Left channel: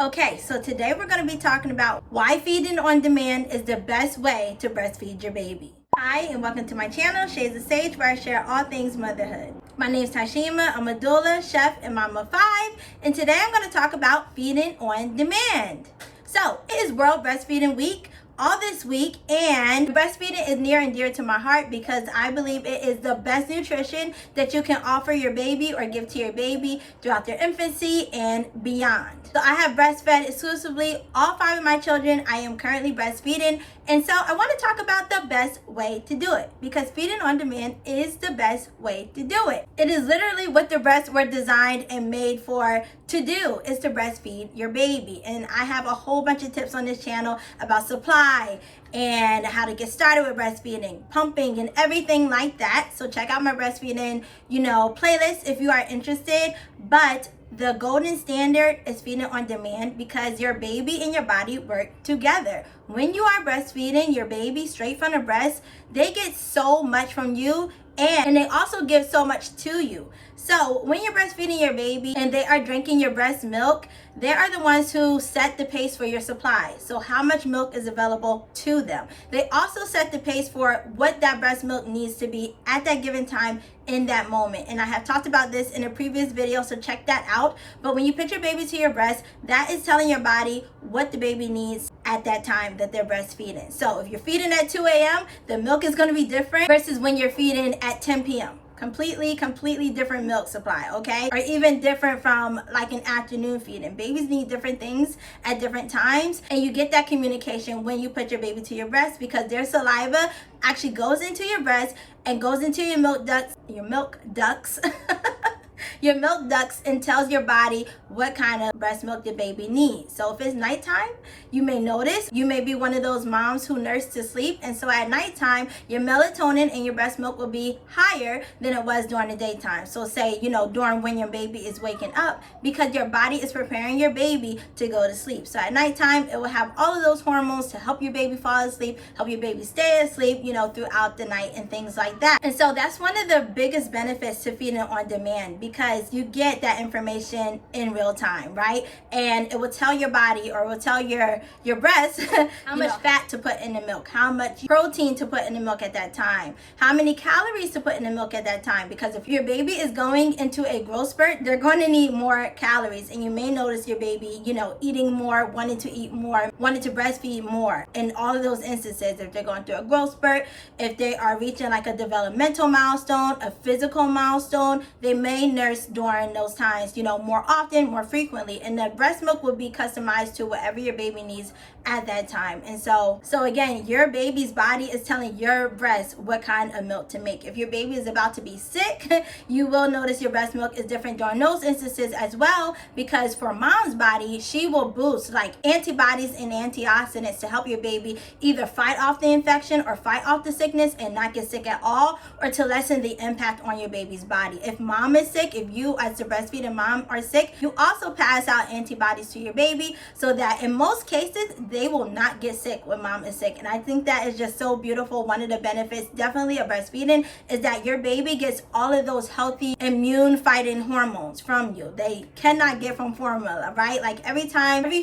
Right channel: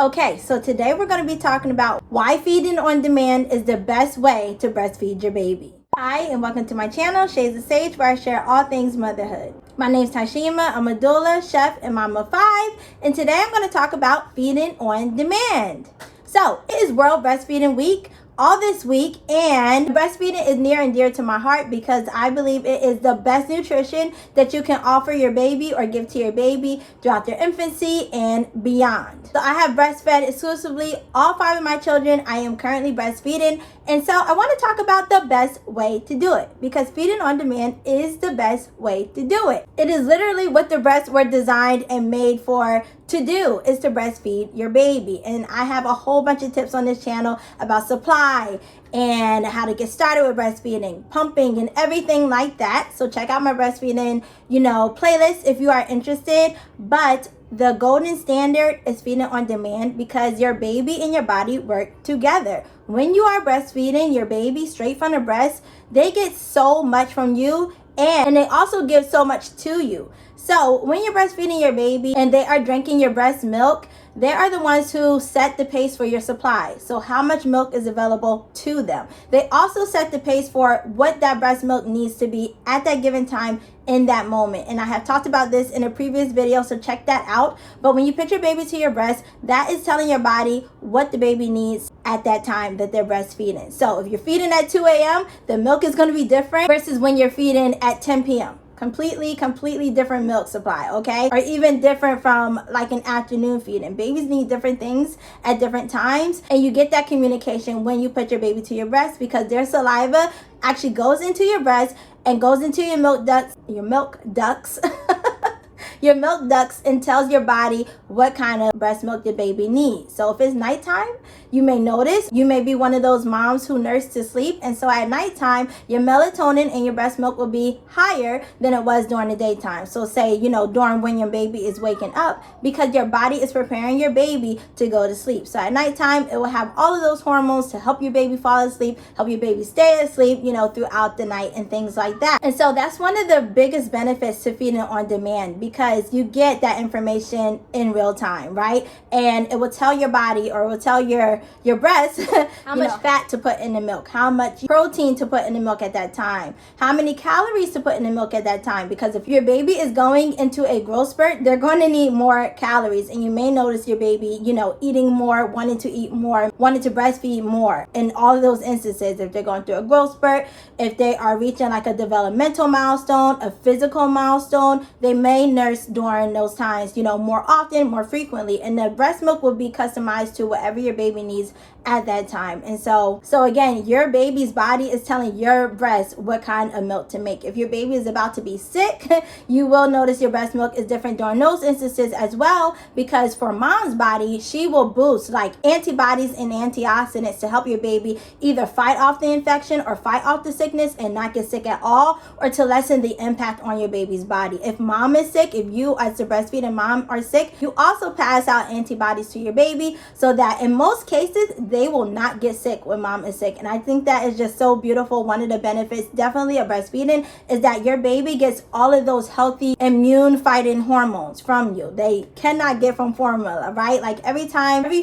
Okay, so today we're going to be talking about why feeding on demand is the best way to breastfeed your baby. Hi, and welcome to my channel, Shades of Sage, where I share all things motherhood. My name's Tashima. I'm a doula, chef, and mom of 5, and today I'm going to talk about feeding on demand. So, it is World Breastfeeding Week all this week, and breastfeeding is near and dear to my heart because I believe it is the best nutrition that you can offer your baby or give to your baby throughout their infancy and beyond. So I have breastfed exclusively all 5 of my children. I am currently breastfeeding, and so I want to talk about the best way to do it because feeding on demand is the best way to do it. It is literally what the breasts were designed and made for to do, is to breastfeed your baby. And I have a whole bunch of tips on this channel about supply and how to get started with breastfeeding, pumping, and everything like that. So check out my breastfeeding, playlist if you are interested. But the golden standard is feeding on demand because your baby and your body work together. When you are breastfeeding your baby straight from the breast, they get so much from you, and they also give so much to you. So when you're breastfeeding your baby and they are drinking your breast milk, they are the ones who set the pace for your supply. So how much milk is available to them. They also set the pace for what that breast milk needs to be at that given time in that moment. And I have talked about this in a previous video, so check that out. But when you put your baby to your breast, that is telling your body what the baby needs at that time that they're breastfeeding. So if you're feeding at 2 a.m., the milk is going to be different versus when you're feeding at 10 p.m. Completely different milk supply, okay? Or even different from like an afternoon feeding. Babies need different things at different times, and you get that communication when you put your baby to your breast because their saliva actually goes into your breast and goes into your milk ducts, your milk ducts, and tells your body what kind of breast milk the baby needs. So if it's nighttime, you may notice you may be one of those moms who nurse to sleep, and so at nighttime your melatonin and your breast milk will be higher than it was during the daytime. So say during when your baby is waking up, because your body is preparing your baby to go to sleep. So at nighttime it will have all of those hormones to help your baby fall asleep, help your baby stay asleep throughout the night and things like that. And so that's one of the biggest benefits to feeding on demand, because you get that information in real time, right? And it will tell your body, or it will tell your breast how much fat to put in the milk, how much protein to put in the milk at that time, how many calories to put in the milk at that time. Because if your baby is going into a growth spurt, they're going to need more calories, and you may notice your baby eating more, wanting to eat more, wanting to breastfeed more in all of those instances. If they're going through a growth spurt, if they are reaching like a developmental milestone, a physical milestone, they may nurse during those times more often, more frequently, and the breast milk will be customized to whatever your baby needs at that time. And so again, your baby's body is telling your breast what kind of milk to make. If your baby is about to be sick, you will notice your breast milk is different during those instances as well, because for mom's body, she will boost like antibodies and antioxidants to help your baby either fight off the infection or fight off the sickness and not get sick at all, or to lessen the impact on your baby's body. If mom is sick, if you as the breastfeeding mom are sick, you also pass out antibodies to your baby so that in most cases they will not get sick when mom is sick. And I think that is just so beautiful. One of the benefits definitely of breastfeeding is that your baby gets all of those healthy immune fighting hormones from you. They cannot get from formula, right? Like every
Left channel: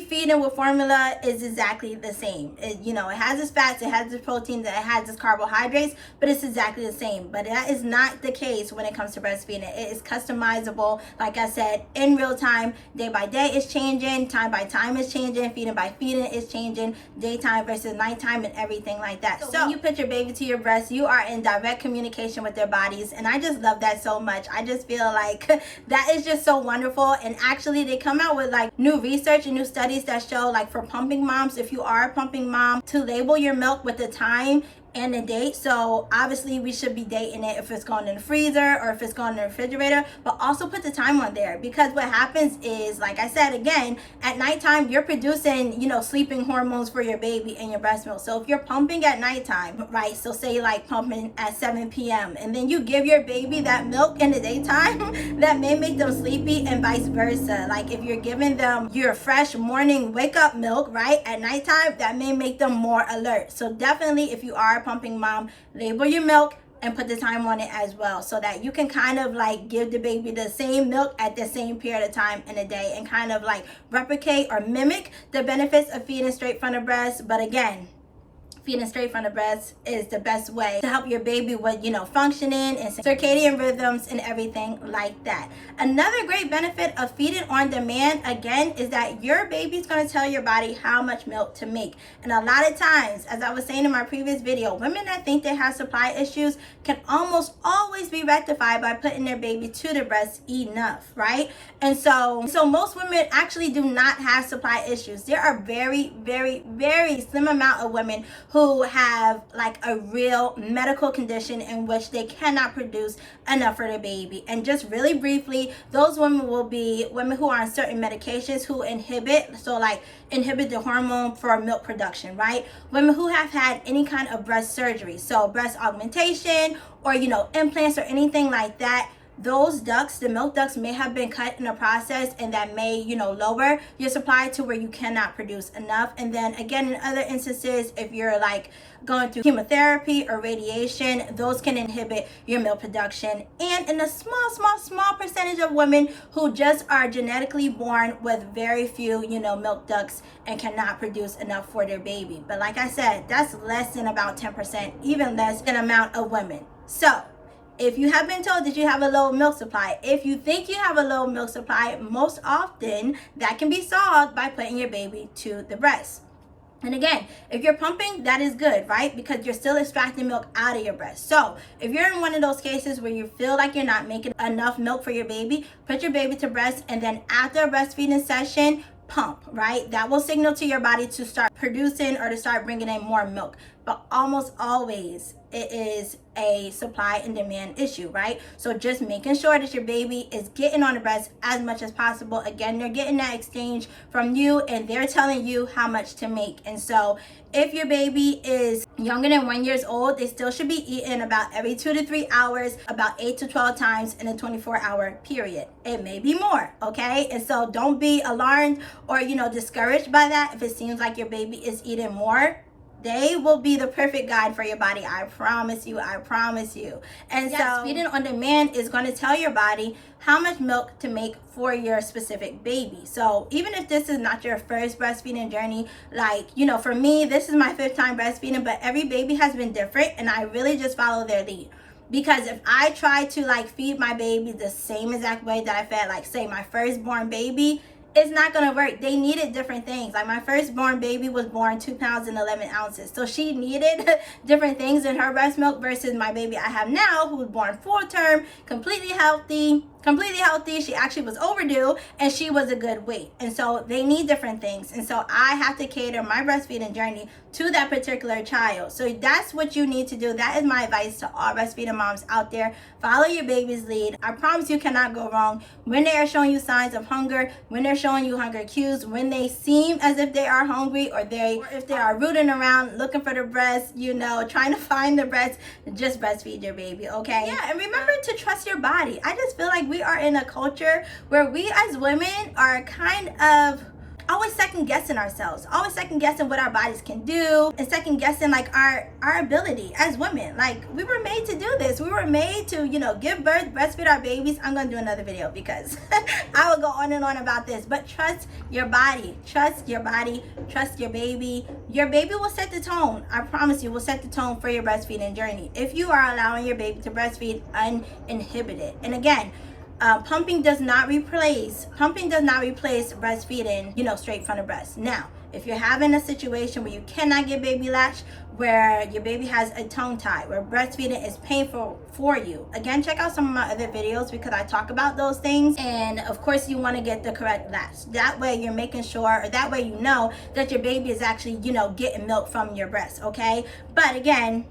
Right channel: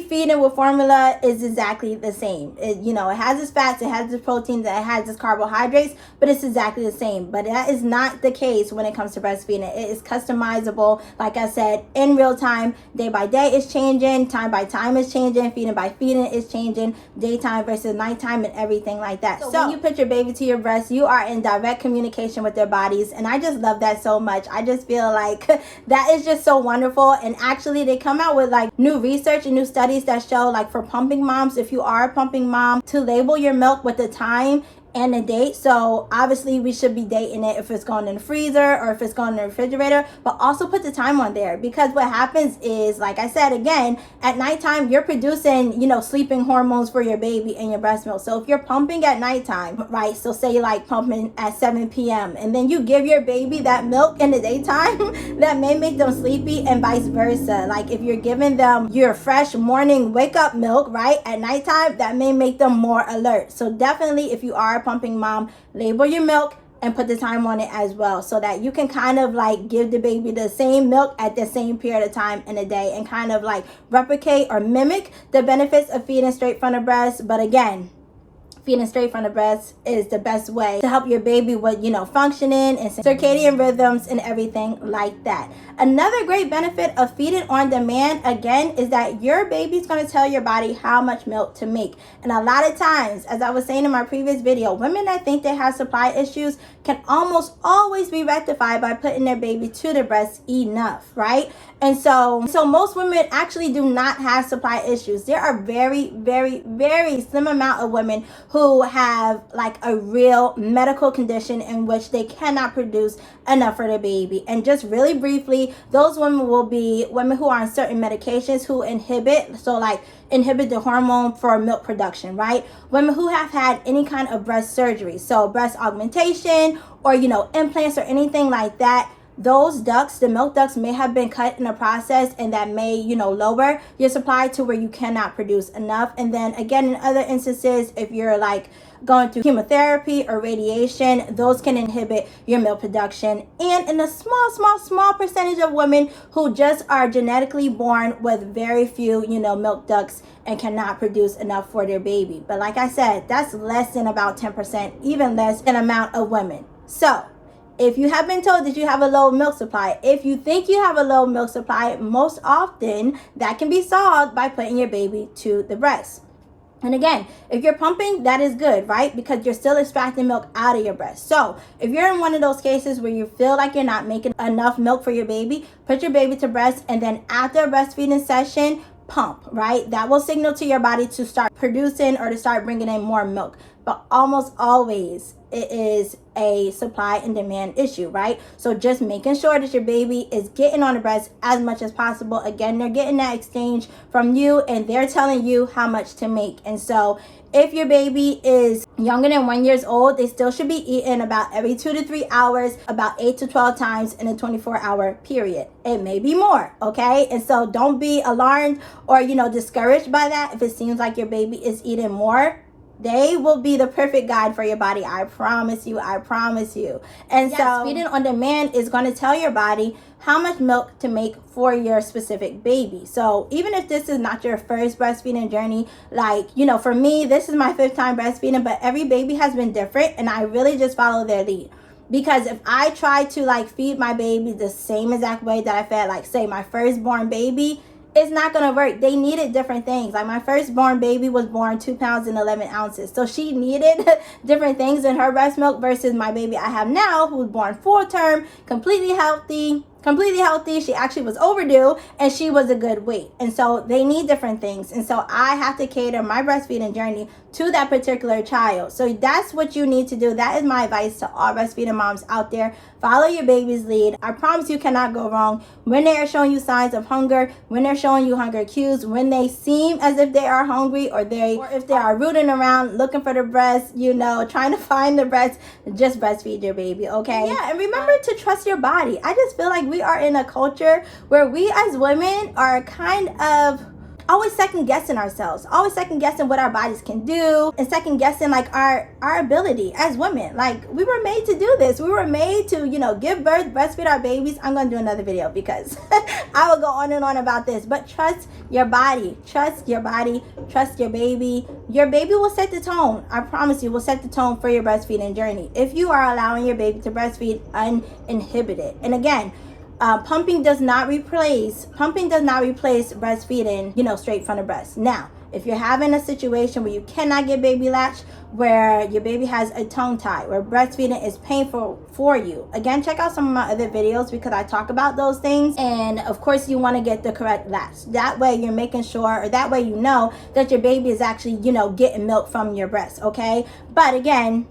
feeding with formula is exactly the same. It has its fats, it has its proteins, it has its carbohydrates, but it's exactly the same. But that is not the case when it comes to breastfeeding. It is customizable, like I said, in real time. Day by day is changing, time by time is changing, feeding by feeding is changing, daytime versus nighttime, and everything like that. So when you put your baby to your breast, you are in direct communication with their bodies, and I just love that so much. I just feel like that is just so wonderful. And actually they come out with like new research and new studies that show, like for pumping moms, if you are a pumping mom, to label your milk with the time and a date. So obviously we should be dating it if it's going in the freezer or if it's going in the refrigerator, but also put the time on there, because what happens is, like I said again, at nighttime you're producing sleeping hormones for your baby and your breast milk. So if you're pumping at nighttime, right, so say like pumping at 7 p.m. and then you give your baby that milk in the daytime, that may make them sleepy, and vice versa. Like if you're giving them your fresh morning wake up milk, right, at nighttime, that may make them more alert. So definitely, if you are a pumping mom, label your milk, and put the time on it as well, so that you can kind of like give the baby the same milk at the same period of time in a day, and kind of like replicate or mimic the benefits of feeding straight from the breast. But again, feeding straight from the breast is the best way to help your baby with, you know, functioning and circadian rhythms and everything like that. Another great benefit of feeding on demand, again, is that your baby's going to tell your body how much milk to make. And a lot of times, as I was saying in my previous video, women that think they have supply issues can almost always be rectified by putting their baby to the breast enough, right? And so most women actually do not have supply issues. There are very, very, very slim amount of women who have like a real medical condition in which they cannot produce enough for their baby. And just really briefly, those women will be women who are on certain medications who inhibit the hormone for milk production, right? Women who have had any kind of breast surgery, so breast augmentation or, you know, implants or anything like that. Those ducts, the milk ducts, may have been cut in the process, and that may, you know, lower your supply to where you cannot produce enough. And then again, in other instances, if you're like going through chemotherapy or radiation, those can inhibit your milk production. And in a small percentage of women who just are genetically born with very few, you know, milk ducts and cannot produce enough for their baby. But like I said, that's less than about 10%, even less than amount of women. So if you have been told that you have a low milk supply, if you think you have a low milk supply, most often that can be solved by putting your baby to the breast. And again, if you're pumping, that is good, right? Because you're still extracting milk out of your breast. So if you're in one of those cases where you feel like you're not making enough milk for your baby, put your baby to breast, and then after a breastfeeding session, pump, right? That will signal to your body to start producing or to start bringing in more milk. But almost always it is a supply and demand issue, right? So just making sure that your baby is getting on the breast as much as possible. Again, they're getting that exchange from you, and they're telling you how much to make. And so if your baby is younger than 1 year old, they still should be eating about every 2 to 3 hours, about 8 to 12 times in a 24-hour period. It may be more, okay? And so don't be alarmed or, you know, discouraged by that. If it seems like your baby is eating more, they will be the perfect guide for your body. I promise you. And yes, so feeding on demand is going to tell your body how much milk to make for your specific baby. So even if this is not your first breastfeeding journey, like, you know, for me, this is my 5th time breastfeeding, but every baby has been different, and I really just follow their lead. Because if I try to like feed my baby the same exact way that I fed, like, say, my firstborn baby, it's not going to work. They needed different things. Like, my firstborn baby was born 2 pounds and 11 ounces. So she needed different things in her breast milk versus my baby I have now, who's born full term, completely healthy. She actually was overdue, and she was a good weight. And so they need different things. And so I have to cater my breastfeeding journey to that particular child. So that's what you need to do. That is my advice to all breastfeeding moms out there. Follow your baby's lead. I promise you cannot go wrong. When they are showing you signs of hunger, when they're showing you hunger cues, when they seem as if they are hungry, or if they are rooting around looking for the breast, you know, trying to find the breast, just breastfeed your baby, okay? Yeah, and remember to trust your body. I just feel like we are in a culture where we as women are kind of always second guessing ourselves, always second guessing what our bodies can do, and second guessing like our ability as women. Like, we were made to do this. We were made to, you know, give birth, breastfeed our babies. I'm gonna do another video because I will go on and on about this. But trust your body, trust your body, trust your baby. Your baby will set the tone. I promise you, will set the tone for your breastfeeding journey if you are allowing your baby to breastfeed uninhibited. And again, pumping does not replace breastfeeding, you know, straight from the breast. Now, if you're having a situation where you cannot get baby latch, where your baby has a tongue tie, where breastfeeding is painful for you, again, check out some of my other videos because I talk about those things. And of course, you want to get the correct latch. That way you're making sure, or that way you know that your baby is actually, you know, getting milk from your breast, okay? But again,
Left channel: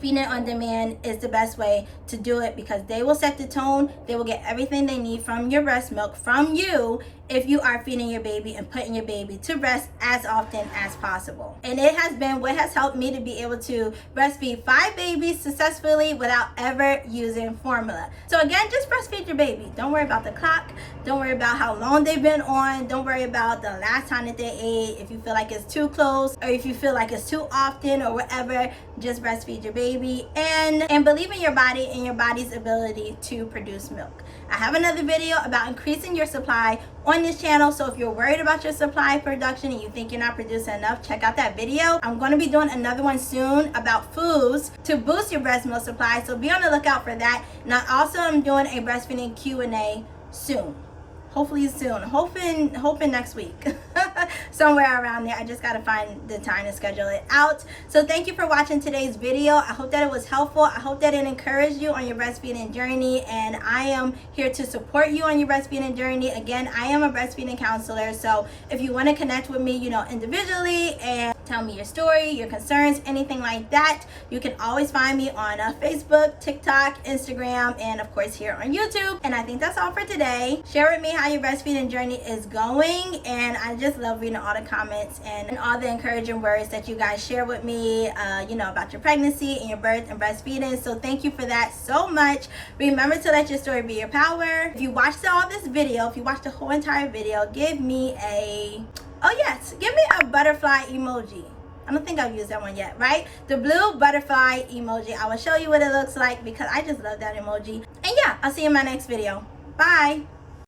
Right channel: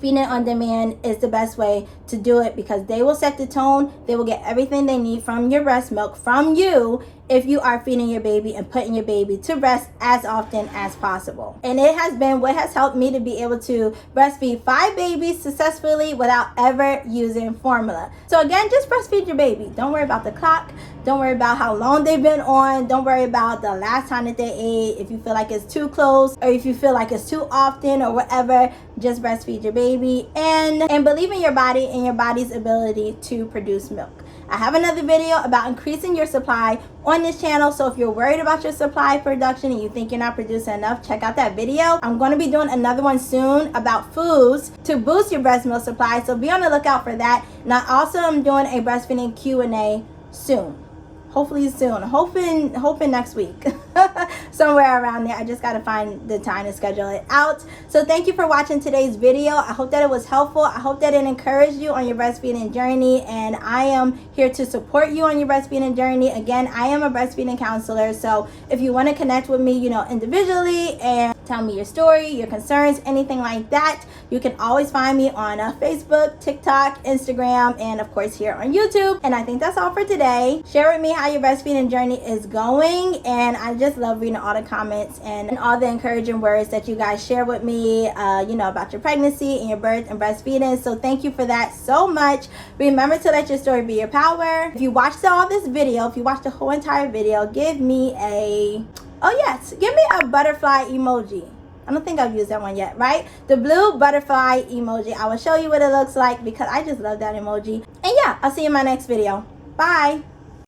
feeding on demand is the best way to do it because they will set the tone. They will get everything they need from your breast milk from you if you are feeding your baby and putting your baby to rest as often as possible. And it has been what has helped me to be able to breastfeed 5 babies successfully without ever using formula. So again, just breastfeed your baby. Don't worry about the clock. Don't worry about how long they've been on. Don't worry about the last time that they ate. If you feel like it's too close or if you feel like it's too often or whatever, just breastfeed your baby and believe in your body and your body's ability to produce milk. I have another video about increasing your supply on this channel, so if you're worried about your supply production and you think you're not producing enough, check out that video. I'm going to be doing another one soon about foods to boost your breast milk supply, so be on the lookout for that. And I also am doing a breastfeeding Q&A soon. Hopefully soon, hoping next week. Somewhere around there. I just got to find the time to schedule it out. So thank you for watching today's video. I hope that it was helpful. I hope that it encouraged you on your breastfeeding journey, and I am here to support you on your breastfeeding journey. Again, I am a breastfeeding counselor, so if you want to connect with me, individually and tell me your story, your concerns, anything like that, you can always find me on Facebook, TikTok, Instagram, and of course here on YouTube. And I think that's all for today. Share with me how your breastfeeding journey is going, and I just love reading all the comments and all the encouraging words that you guys share with me about your pregnancy and your birth and breastfeeding. So thank you for that so much. Remember to let your story be your power. If you watched all this video, if you watched the whole entire video, give me a butterfly emoji. I don't think I've used that one yet, right? The blue butterfly emoji. I will show you what it looks like because I just love that emoji. And yeah, I'll see you in my next video. Bye.